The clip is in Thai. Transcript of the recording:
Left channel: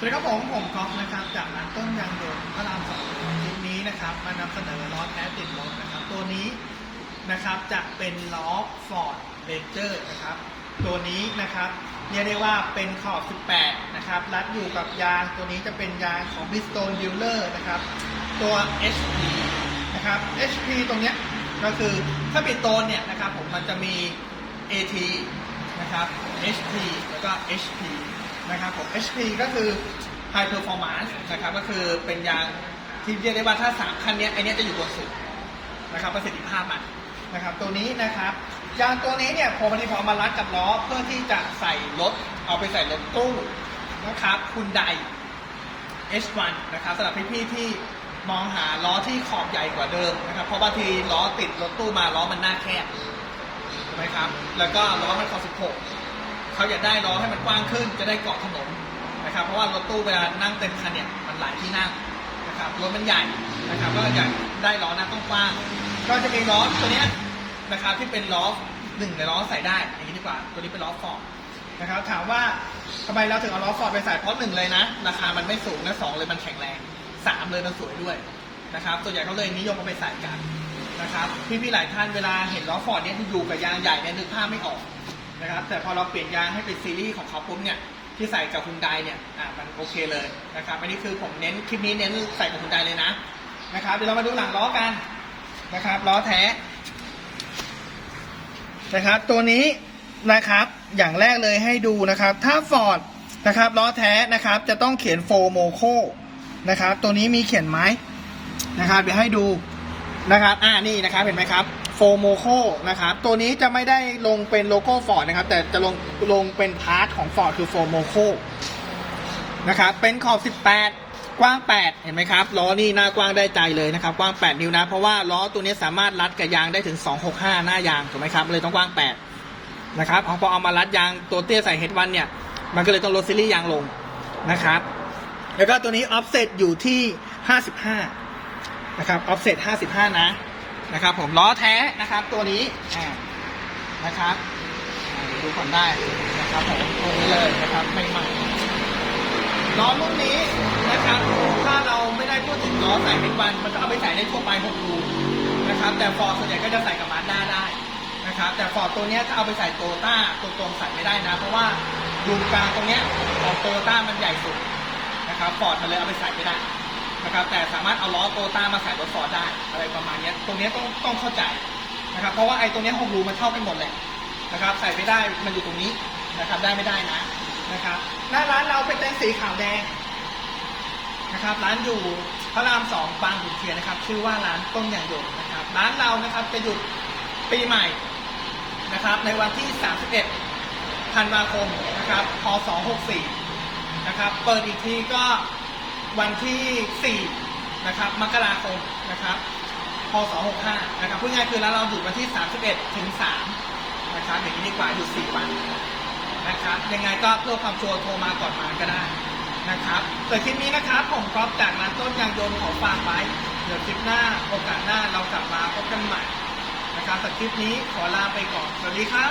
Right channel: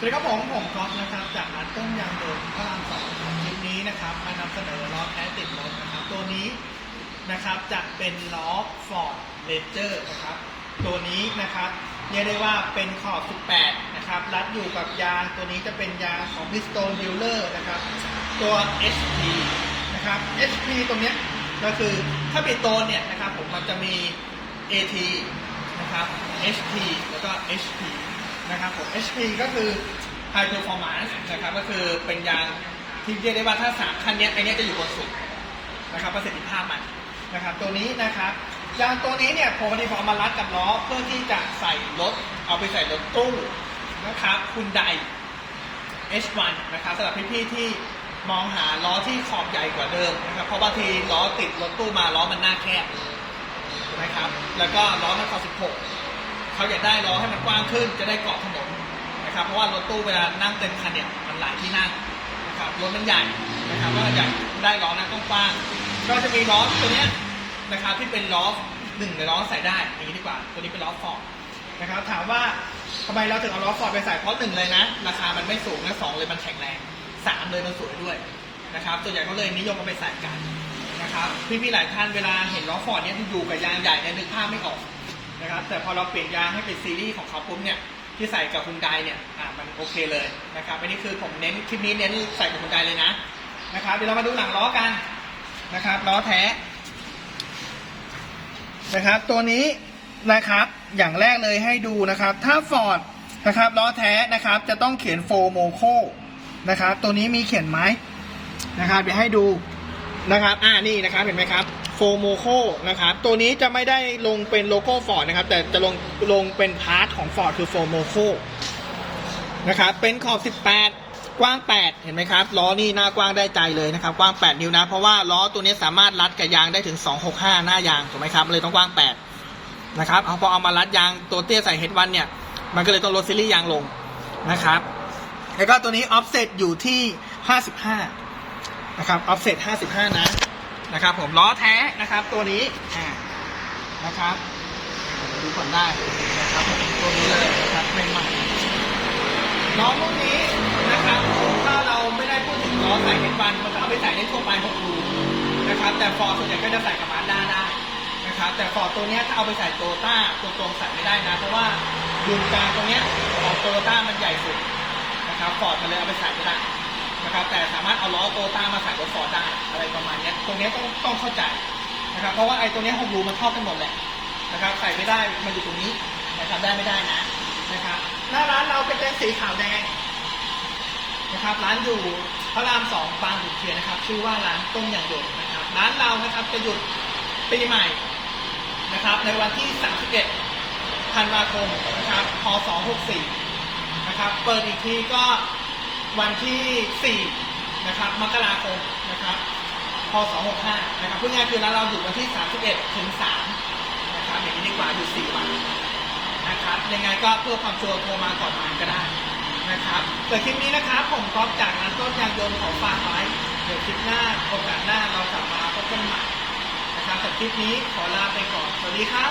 สวัสดีครับผมผมก๊อฟนะครับจากร้านต้นยางโดนพระรามสองนะครับคลิปนี้นะครับมานำเสนอล้อแท้ติดรถนะครับ ตัวนี้นะครับจะเป็นล้อ Ford Ranger นะครับ ตัวนี้นะครับเรียกได้ว่าเป็นขอบ 18 นะครับรัดอยู่กับยางตัวนี้จะเป็นยางของ Bridgestone Dealer นะครับ ตัว HP นะครับ HP ตรงเนี้ยก็คือถ้าปิดโตนเนี่ยนะครับผมมันจะมี AT นะครับ HP แล้วก็ HP นะครับผม HP ก็คือ High Performance นะครับก็คือเป็นยางที่เรียกได้ว่าถ้าสามคันนี้ไอเนี้ยจะอยู่บนสุดนะครับประสิทธิภาพมันนะครับตัวนี้นะครับยางตัวนี้เนี่ยผมพอดีผมเอามารัดกับล้อเพื่อที่จะใส่รถเอาไปใส่รถตู้นะครับคุณได H1 นะครับสำหรับพี่ๆที่มองหาล้อที่ขอบใหญ่กว่าเดิมนะครับ เพราะบางทีล้อติดรถตู้มาล้อมันหน้าแคบถูกไหมครับ แล้วก็ล้อมันขอบ16 เขาอยากได้ล้อให้มันกว้างขึ้น จะได้เกาะถนนนะครับ เพราะว่ารถตู้เวลานั่งเต็มคันเนี่ยมันหลายที่นั่งนะครับรถมันใหญ่นะครับก็อยากได้ล้อหน้ากว้างก็จะมีล้อตัวเนี้ยนะครับที่เป็นล้อหนึ่งในล้อใส่ได้อย่างนี้ดีกว่าตัวนี้เป็นล้อฟอร์ดนะครับถามว่าทำไมเราถึงเอาล้อฟอร์ดไปใส่เพราะหนึ่งเลยนะ ราคามันไม่สูงนะสองเลยมันแข็งแรงสามเลยมันสวยด้วยนะครับส่วนใหญ่เขาเลยนิยมเอาไปใส่กันนะครับพี่ๆหลายท่านเวลาเห็นล้อฟอร์ดเนี่ยที่อยู่กับยางใหญ่เนี่ยนึกภาพไม่ออก นะครับ แต่พอเราเปลี่ยนยางให้เป็นซีรีส์ของเขาปุ๊บเนี่ยที่ใส่กับคุณไดเนี่ยอะมันโอเคเลยนะครับอันนี้คือผมเน้นคลิปนี้เน้นใส่กับคุณไดเลยนะนะครับเดี๋ยวเรามาดูหลังล้อกันนะครับล้อแท้นะครับตัวนี้นะครับอย่างแรกเลยให้ดูนะครับ ถ้าฟอร์ดนะครับล้อแท้นะครับจะต้องเขียนโฟโมโคนะครับตัวนี้มีเขียนไหมนะครับเดี๋ยวให้ดู นะครับ อ่า นี่นะครับ เห็นไหมครับ โฟโมโคนะครับ ตัวนี้จะไม่ได้ลงเป็นโลโก้ฟอร์ดนะครับ แต่จะลง ลงเป็นพาร์ทของฟอร์ดคือโฟโมโคนะครับ เป็นขอบ 18 กว้าง 8 เห็นไหมครับ ล้อนี่หน้ากว้างได้ใจเลยนะครับ กว้าง 8 นิ้วนะ เพราะว่าล้อตัวนี้สามารถรัดกับยางได้ถึง 265 หน้ายาง ถูกไหมครับ เลยต้องกว้าง 8 นะครับ เอาพอเอามารัดยางตัวเตี้ยใส่เฮดวันเนี่ย มันก็เลยต้องลดซีรีส์ยางลงนะครับ แล้วก็ตัวนี้ออฟเซตอยู่ที่ 55 นะครับออฟเซต55 นะ นะครับ ผมล้อแท้นะครับ ตัวนี้นะครับเดี๋ยวดูผลได้นะครับตัวนี้เลยนะครับใหม่ๆล้อรุ่นนี้นะครับถ้าเราไม่ได้พูดถึงล้อใส่เป็นวันมันก็เอาไปใส่ได้ทั่วไป6รูนะครับ แต่ฟอร์ดส่วนใหญ่ก็จะใส่กับมาสด้าได้นะครับ แต่ฟอร์ดตัวนี้ถ้าเอาไปใส่โตต้าตัวตรงใส่ไม่ได้นะ เพราะว่ายูงกลางตัวนี้ของโตโยต้ามันใหญ่สุดนะครับฟอร์ดมันเลยเอาไปใส่ไม่ได้ นะครับแต่สามารถเอาล้อโตต้ามาใส่รถฟอร์ดได้อะไรประมาณเนี้ยตรงเนี้ยต้องต้องเข้าใจนะครับเพราะว่าไอ้ตัวเนี้ยหกรูมันเท่ากันหมดแหละนะครับใส่ไม่ได้มันอยู่ตรงนี้นะครับได้ไม่ได้นะนะครับหน้าร้านเราเป็นเต็นสีขาวแดงนะครับร้านอยู่พระรามสองบางขุนเทียนนะครับ ชื่อว่าร้านต้นอย่างหยดนะครับ ร้านเรานะครับจะหยุดปีใหม่นะครับ ในวันที่ 31 ธันวาคมนะครับพศ64นะครับ เปิดอีกทีก็ วันที่4นะครับมกราคมนะครับพศ65นะครับพูดง่ายคือแล้วเราหยุดวันที่ 31 ถึง 3 นะครับอย่างนี้ดีกว่าหยุด4วันนะครับยังไงก็เพื่อความชัวร์โทรมาก่อนมาก็ได้นะครับส่วนคลิปนี้นะครับผมก๊อฟจากน้ำต้นยางยนต์ขอฝากไว้ เดี๋ยวคลิปหน้าโอกาสหน้าเรากลับมาพบกันใหม่นะครับแต่คลิปนี้ขอลาไปก่อน สวัสดีครับ